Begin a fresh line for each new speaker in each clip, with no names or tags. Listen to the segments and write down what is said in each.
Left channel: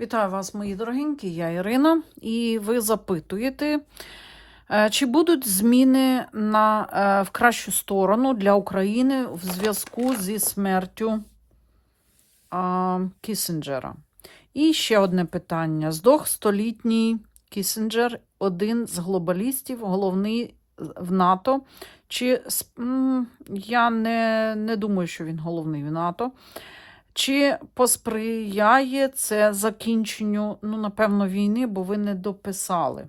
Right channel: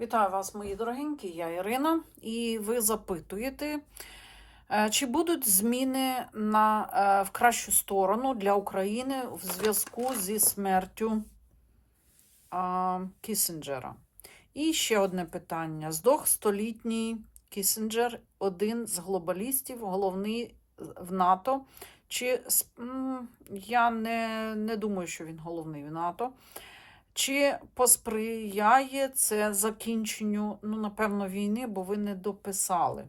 Вітаю вас, мої дорогенькі, я Ірина, і ви запитуєте, е, чи будуть зміни на, е, в кращу сторону для України в зв'язку зі смертю а. І ще одне питання. Здох столітній Кісінджер, один з глобалістів, головний в НАТО. Чи я не, не думаю, що він головний в НАТО. Чи посприяє це закінченню, ну, напевно, війни, бо ви не дописали,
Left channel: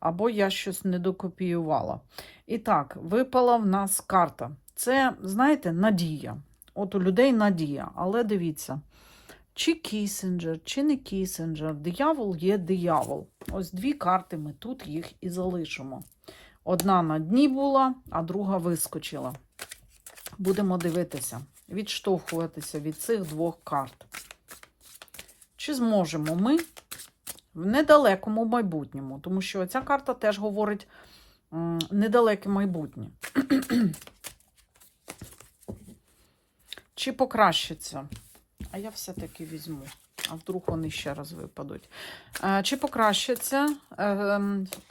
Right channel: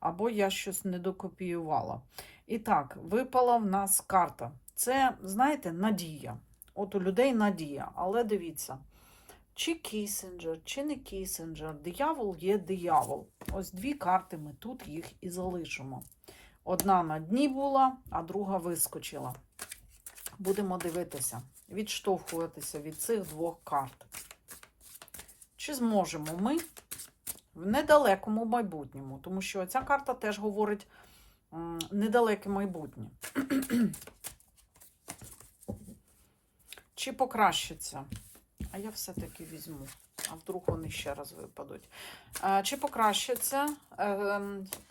або я щось не докопіювала. І так, випала в нас карта. Це, знаєте, надія. От у людей надія. Але дивіться, чи Кісінджер, чи не Кісінджер, диявол є диявол. Ось дві карти ми тут їх і залишимо. Одна на дні була, а друга вискочила. Будемо дивитися відштовхуватися від цих двох карт. Чи зможемо ми в недалекому майбутньому? Тому що ця карта теж говорить недалеке майбутнє. Чи покращиться? А я все-таки візьму. А вдруг вони ще раз випадуть. Е, Чи покращиться, е,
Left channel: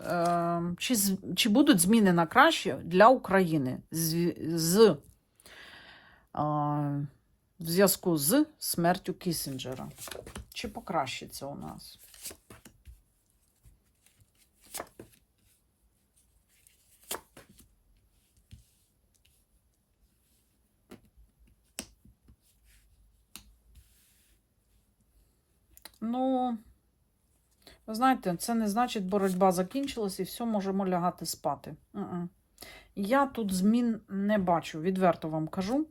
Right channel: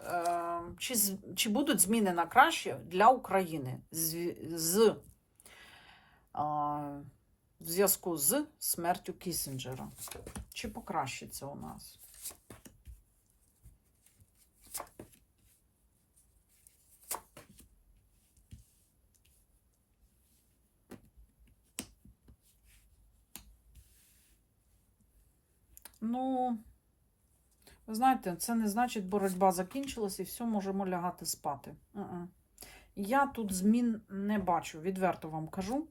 е, чи, чи будуть зміни на краще для України з, в зв'язку з смертю Кісінджера. Чи покращиться у нас? Ну, ви знаєте, це не значить, боротьба закінчилась і все можемо лягати спати. Я тут змін не бачу, відверто вам кажу.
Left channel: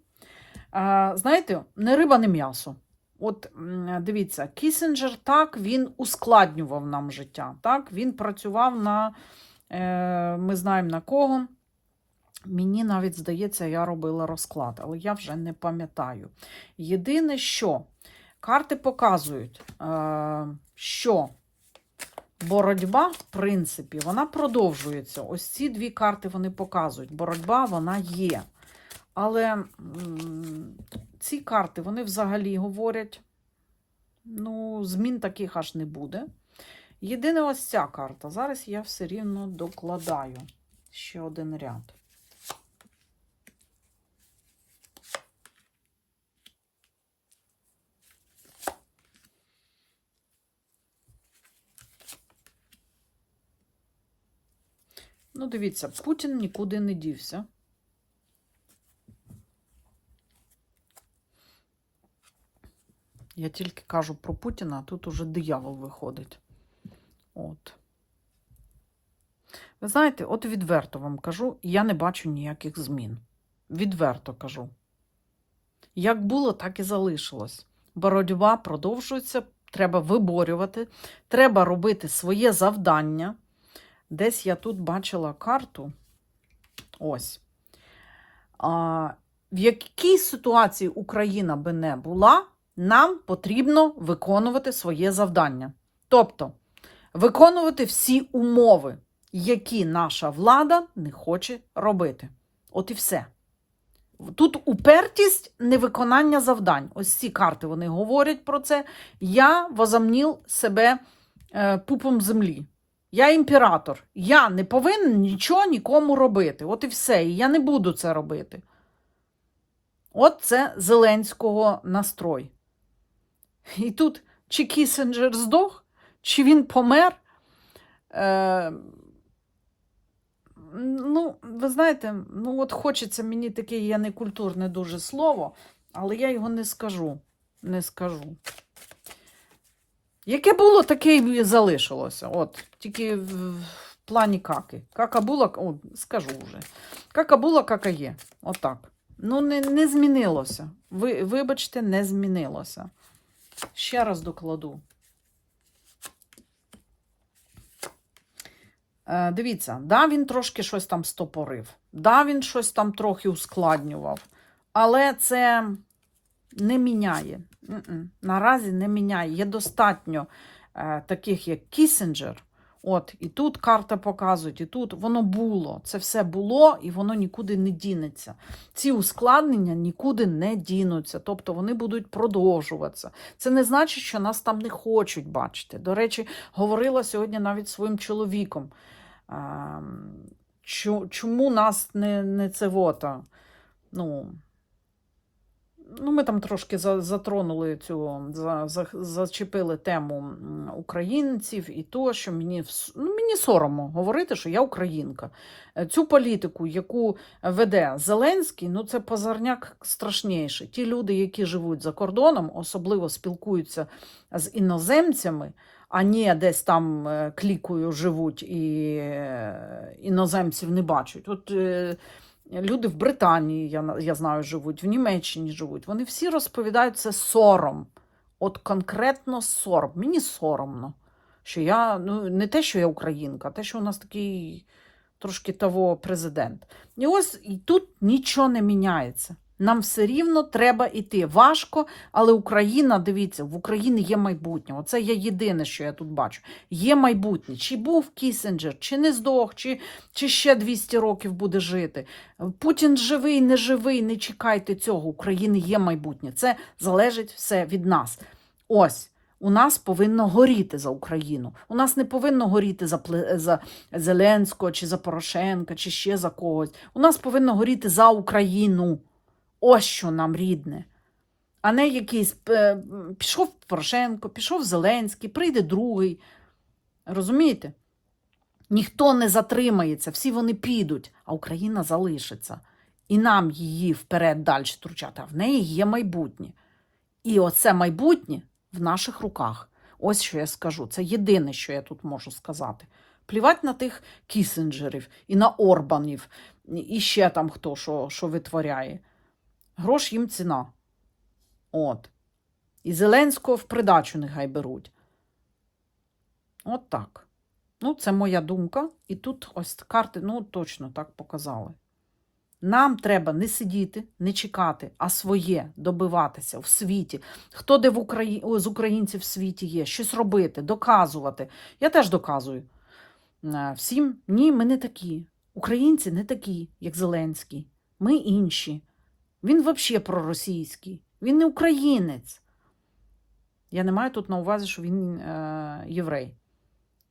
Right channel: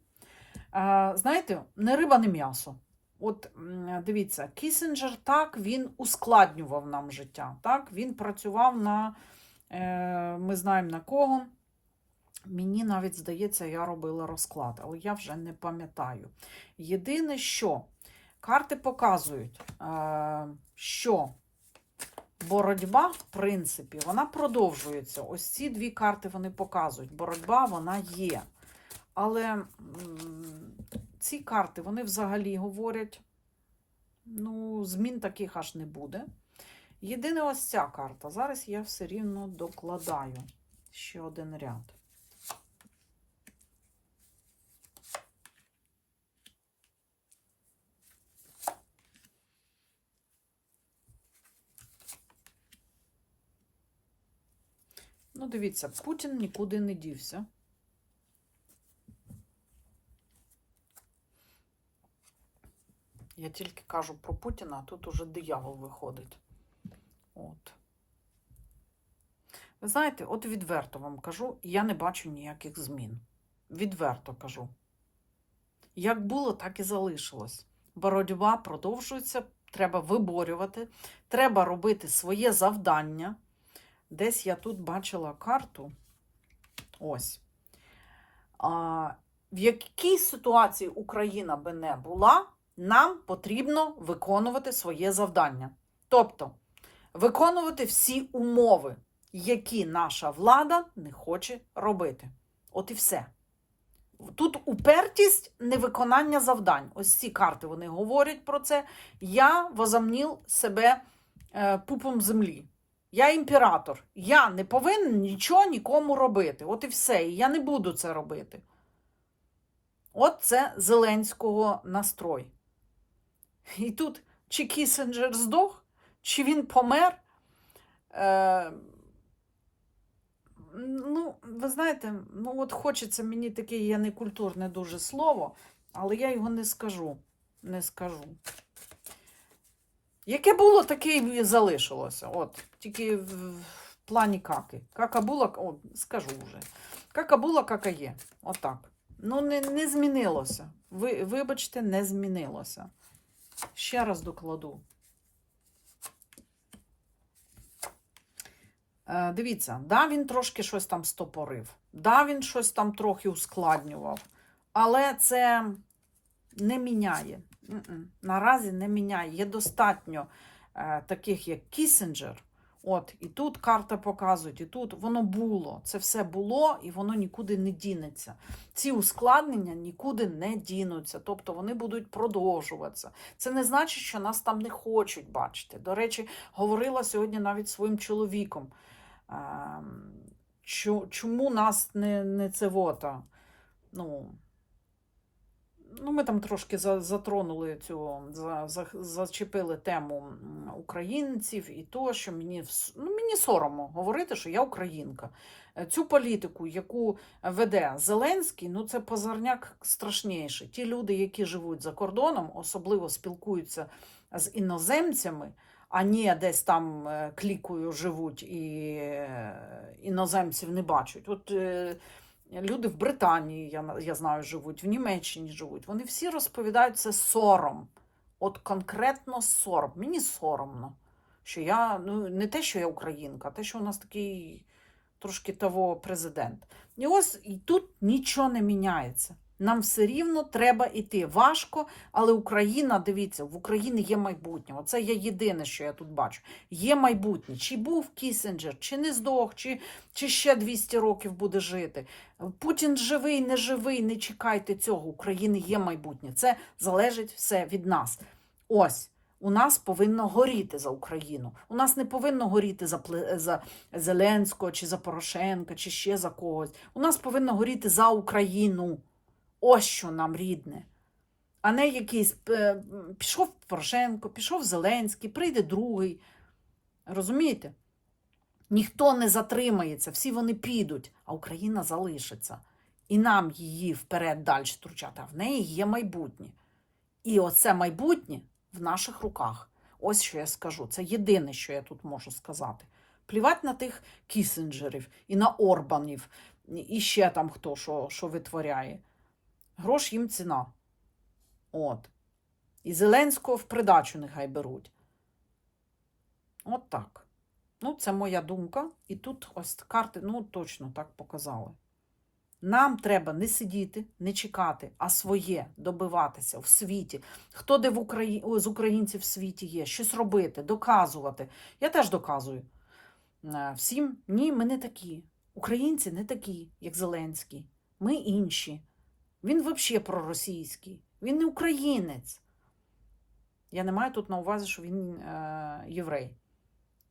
Е, знаєте, не риба, не м'ясо. От дивіться, Кісінджер так, він ускладнював нам життя. Так? Він працював на, е, ми знаємо на кого. Мені навіть здається, я робила розклад, але я вже не пам'ятаю. Єдине, що карти показують, е, що боротьба, в принципі, вона продовжується. Ось ці дві карти вони показують. Боротьба вона є. Але ці карти, вони взагалі говорять, ну, змін таких аж не буде. Єдине ось ця карта. Зараз я все рівно докладаю ще один ряд. Ну, дивіться, Путін нікуди не дівся. Я тільки кажу про Путіна, а тут уже диявол виходить. От. Ви знаєте, от відверто вам кажу, я не бачу ніяких змін. Відверто кажу. Як було, так і залишилось. Боротьба продовжується, треба виборювати, треба робити своє завдання. Десь я тут бачила карту. Ось. А, в якій ситуації Україна би не була, нам потрібно виконувати своє завдання. Тобто виконувати всі умови, які наша влада не хоче робити. От і все. Тут упертість невиконання завдань. Ось ці карти вони говорять про це. Я возомнів себе е, пупом землі. Я імператор. Я не повинен нічого нікому робити. От і все. І я не буду це робити. От це Зеленського настрой. І тут чи Кісінджер здох, чи він помер. Е, ну, ви знаєте, ну от хочеться мені таке, я не культурне дуже слово, але я його не скажу. Не скажу. Яке було, таке і залишилося. От, тільки в, в плані каки. Кака була, о, скажу вже. Кака була, кака є. Отак. Ну, не, не змінилося. Ви, вибачте, не змінилося. Ще раз докладу. Е, дивіться, да, він трошки щось там стопорив. Да, він щось там трохи ускладнював. Але це не міняє. Наразі не міняє. Є достатньо е, таких, як Кісінджер, От, і тут карта показують, і тут воно було. Це все було, і воно нікуди не дінеться. Ці ускладнення нікуди не дінуться, тобто вони будуть продовжуватися. Це не значить, що нас там не хочуть бачити. До речі, говорила сьогодні навіть своїм чоловіком. Чому нас не, не це вота? Ну, Ну, ми там трошки за- затронули цю, за, за, зачепили тему українців і то, що мені, ну, мені соромно говорити, що я українка. Е, Цю політику, яку веде Зеленський, ну це позорняк страшніший. Ті люди, які живуть за кордоном, особливо спілкуються з іноземцями, а не десь там е, клікою живуть і е, іноземців не бачать. От Люди в Британії, я, я знаю, живуть, в Німеччині живуть. Вони всі розповідають це сором. От конкретно сором. Мені соромно, що я ну, не те, що я українка, а те, що у нас такий трошки того президент. І ось і тут нічого не міняється. Нам все рівно треба йти. Важко, але Україна, дивіться, в Україні є майбутнє. Оце є єдине, що я тут бачу. Є майбутнє. Чи був Кісінджер, чи не здох, чи, чи ще 200 років буде жити. Путін живий, не живий, не чекайте цього. України є майбутнє. Це залежить все від нас. Ось. У нас повинно горіти за Україну. У нас не повинно горіти за, за Зеленського, чи за Порошенка, чи ще за когось. У нас повинно горіти за Україну. Ось що нам рідне. А не якийсь пішов Порошенко, пішов Зеленський, прийде другий. Розумієте? Ніхто не затримається, всі вони підуть, а Україна залишиться. І нам її вперед далі втручати, а в неї є майбутнє. І оце майбутнє в наших руках. Ось що я скажу. Це єдине, що я тут можу сказати. Плівать на тих кісенджерів і на Орбанів, і ще там хто що, що витворяє. Грош їм ціна. От. І Зеленського в придачу нехай беруть. От так. Ну, це моя думка. І тут ось карти, ну, точно так показали. Нам треба не сидіти, не чекати, а своє добиватися в світі. Хто де в Украї... з українців в світі є, щось робити, доказувати. Я теж доказую Е, всім. Ні, ми не такі. Українці не такі, як Зеленський. Ми інші. Він взагалі проросійський. Він не українець. Я не маю тут на увазі, що він е, єврей.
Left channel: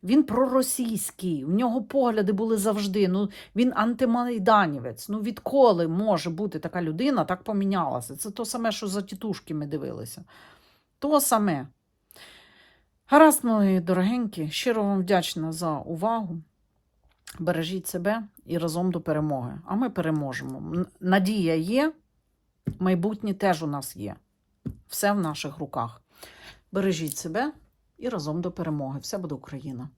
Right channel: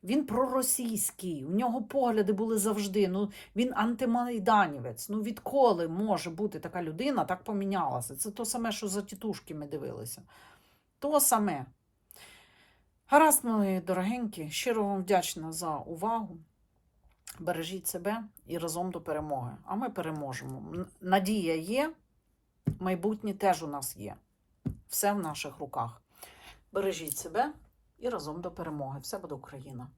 Він проросійський, у нього погляди були завжди. Ну, він антимайданівець. Ну, відколи може бути така людина, так помінялася. Це то саме, що за тітушки ми дивилися. То саме. Гаразд, мої дорогенькі, щиро вам вдячна за увагу. Бережіть себе і разом до перемоги. А ми переможемо. Надія є, майбутнє теж у нас є. Все в наших руках. Бережіть себе і разом до перемоги. Все буде Україна!